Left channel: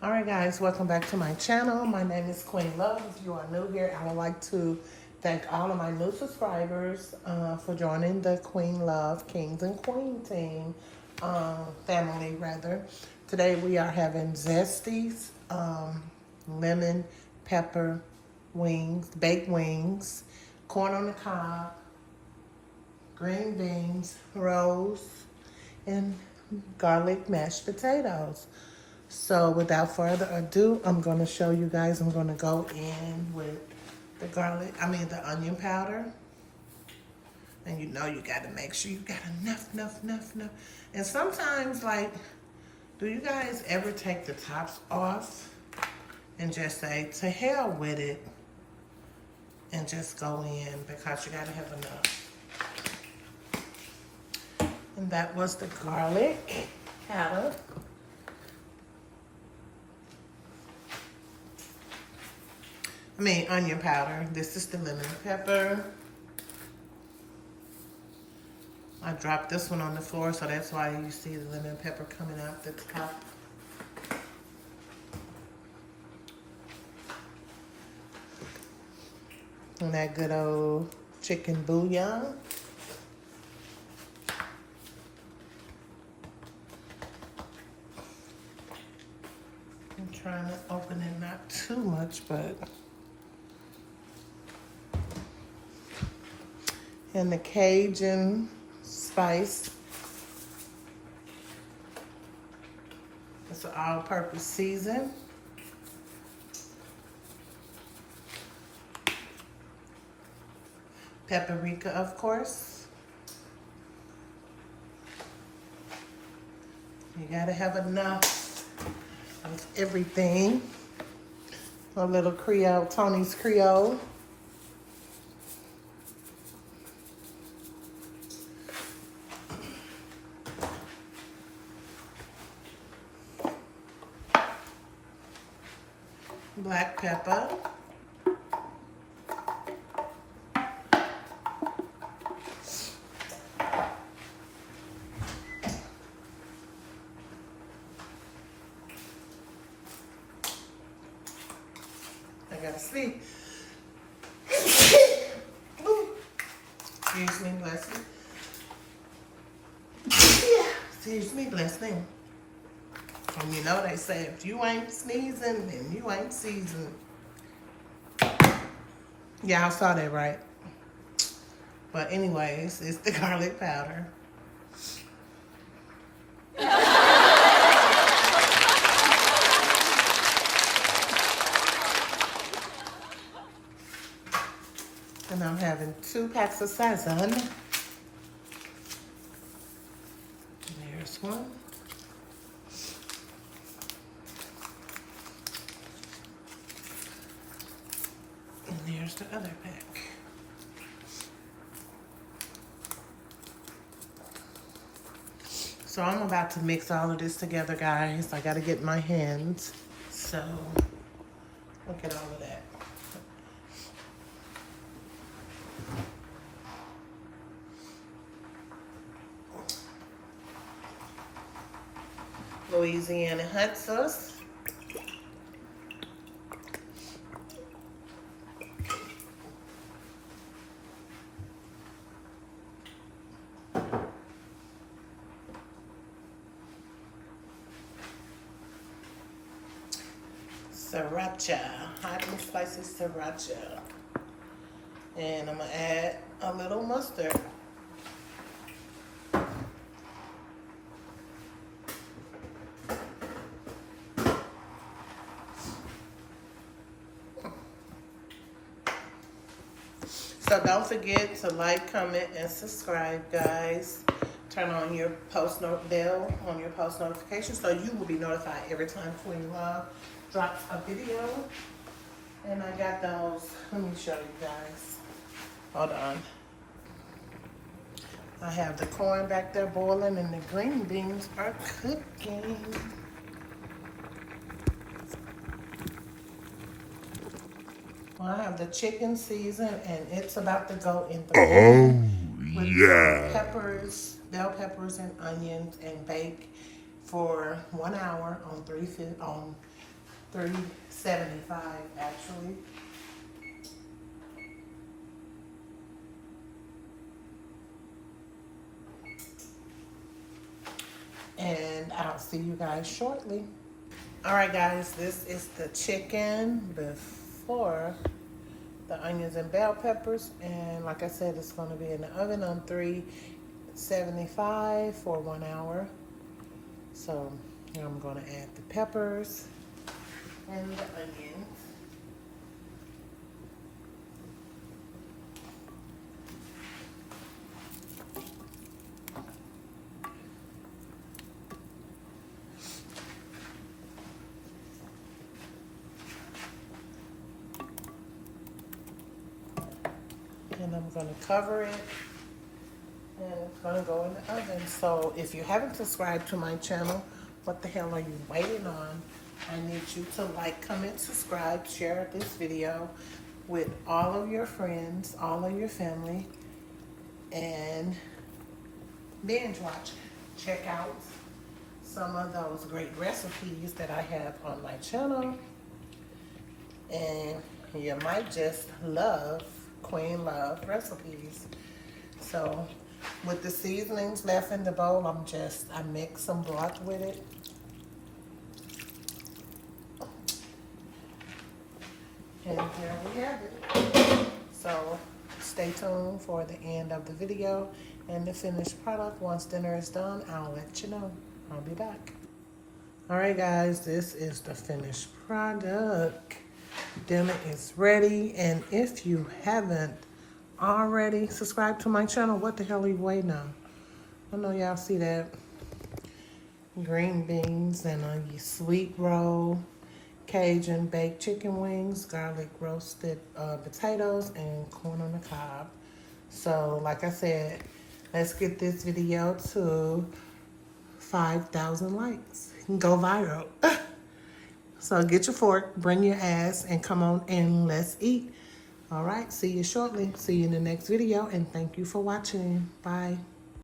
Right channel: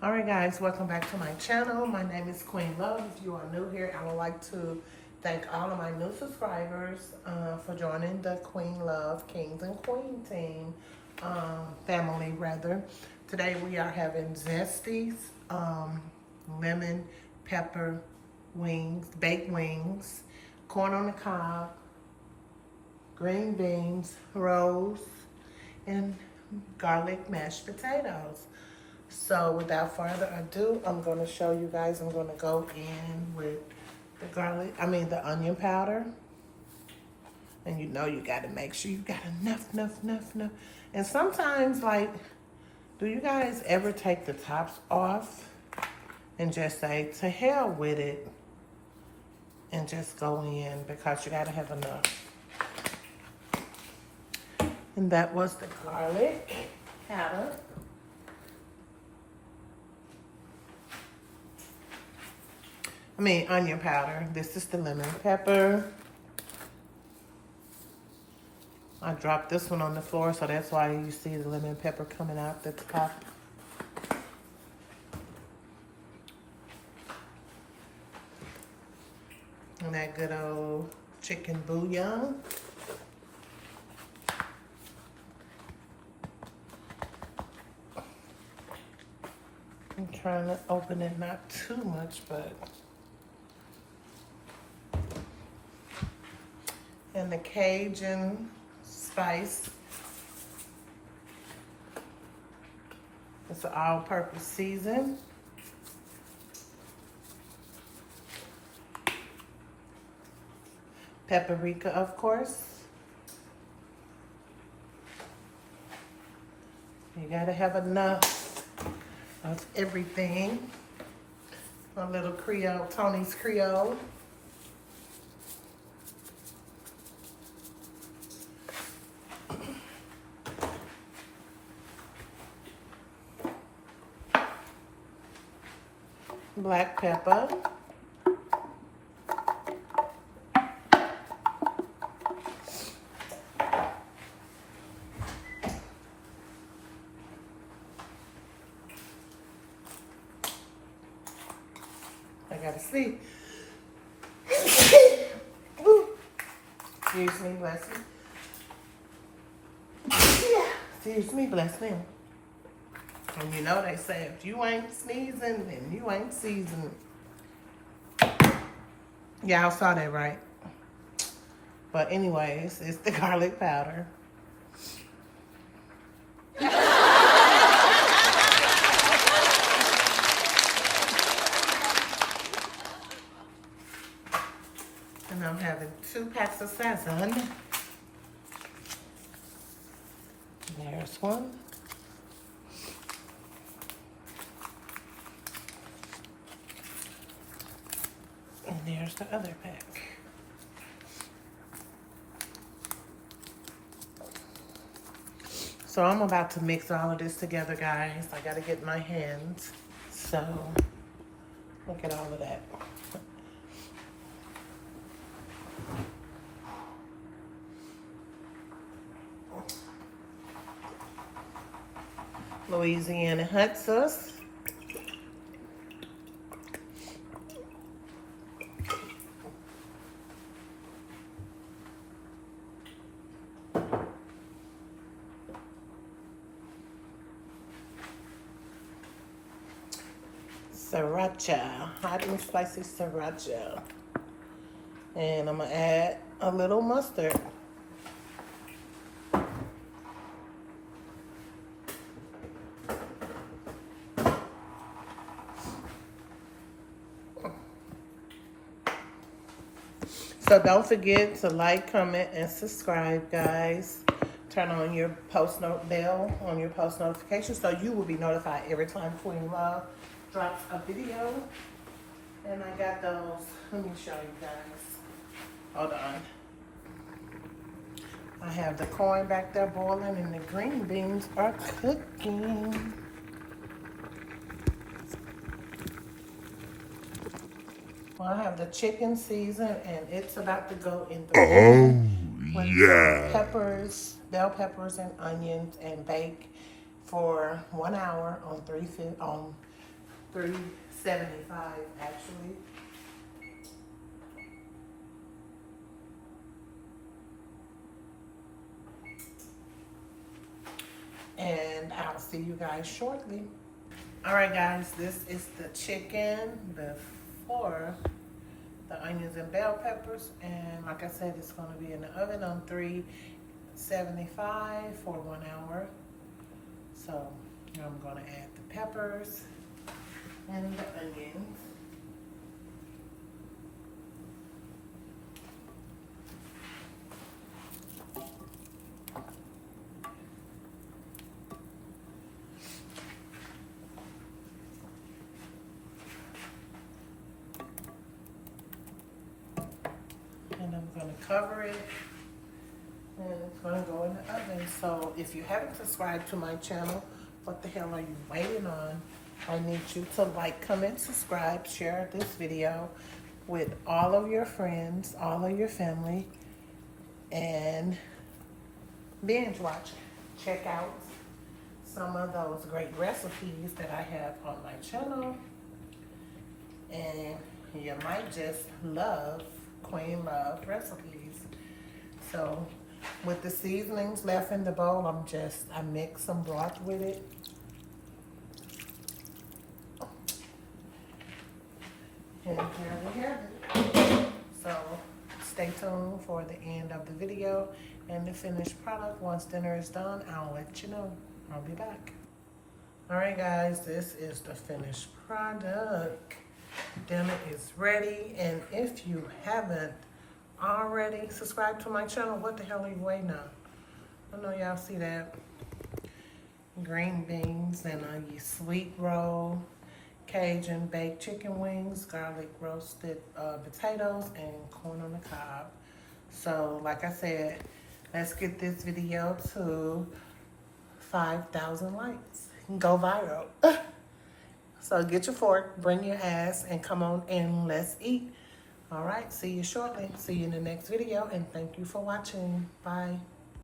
All right, guys, welcome back to my channel. My name is Queen Love. If you are new here, I would like to thank all of my new subscribers for joining the Queen Love Kings and Queen team, family rather. Today we are having Zesties, lemon pepper wings, baked wings, corn on the cob, green beans, rolls, and garlic mashed potatoes. So without further ado, I'm going to show you guys. I'm going to go in with the onion powder. And you know you got to make sure you got enough. And sometimes, like, do you guys ever take the tops off and just say, to hell with it, and just go in because you got to have enough. And that was the garlic powder. Onion powder. This is the lemon pepper. I dropped this one on the floor, so that's why you see the lemon pepper coming out the top. And that good old chicken bouillon. And turn it, open it, not too much, but. And the Cajun spice. It's an all-purpose season. Paprika, of course. You gotta have enough of everything. A little Creole, Tony's Creole. Black pepper. I gotta sleep. Excuse me, bless me. Excuse me, bless me. And you know they say if you ain't sneezing, then you ain't seasoned. Yeah, I saw that right. But anyways, it's the garlic powder. And I'm having 2 packs of Sazon. There's one. And there's the other pack. So I'm about to mix all of this together, guys. I gotta get my hands. So look at all of that. Louisiana hot sauce. Sriracha, hot and spicy sriracha. And I'm gonna add a little mustard. So don't forget to like, comment, and subscribe, guys. Turn on your post note bell on your post notifications so you will be notified every time Queen Love drops a video. And I got those. Let me show you guys. Hold on. I have the corn back there boiling and the green beans are cooking. Well, I have the chicken seasoned and it's about to go in the with peppers, bell peppers, and onions, and bake for 1 hour on $3.75 actually. And I'll see you guys shortly. All right, guys, this is the chicken before the onions and bell peppers. And like I said, it's going to be in the oven on 375 for 1 hour. So I'm going to add the peppers and the onions. And I'm going to cover it, and it's going to go in the oven. So if you haven't subscribed to my channel, what the hell are you waiting on? I need you to like, comment, subscribe, share this video with all of your friends, all of your family, and binge watch. Check out some of those great recipes that I have on my channel, and you might just love Queen Love recipes. So with the seasonings left in the bowl, I mix some broth with it. And here we have it. So stay tuned for the end of the video and the finished product. Once dinner is done, I'll let you know. I'll be back. All right, guys, this is the finished product. Dinner is ready, and if you haven't already subscribed to my channel, what the hell are you waiting on? I know y'all see that. Green beans and a sweet roll, Cajun baked chicken wings, garlic roasted potatoes, and corn on the cob. So like I said, let's get this video to 5,000 likes. Go viral. So get your fork, bring your ass, and come on and let's eat. All right, see you shortly. See you in the next video, and thank you for watching. Bye.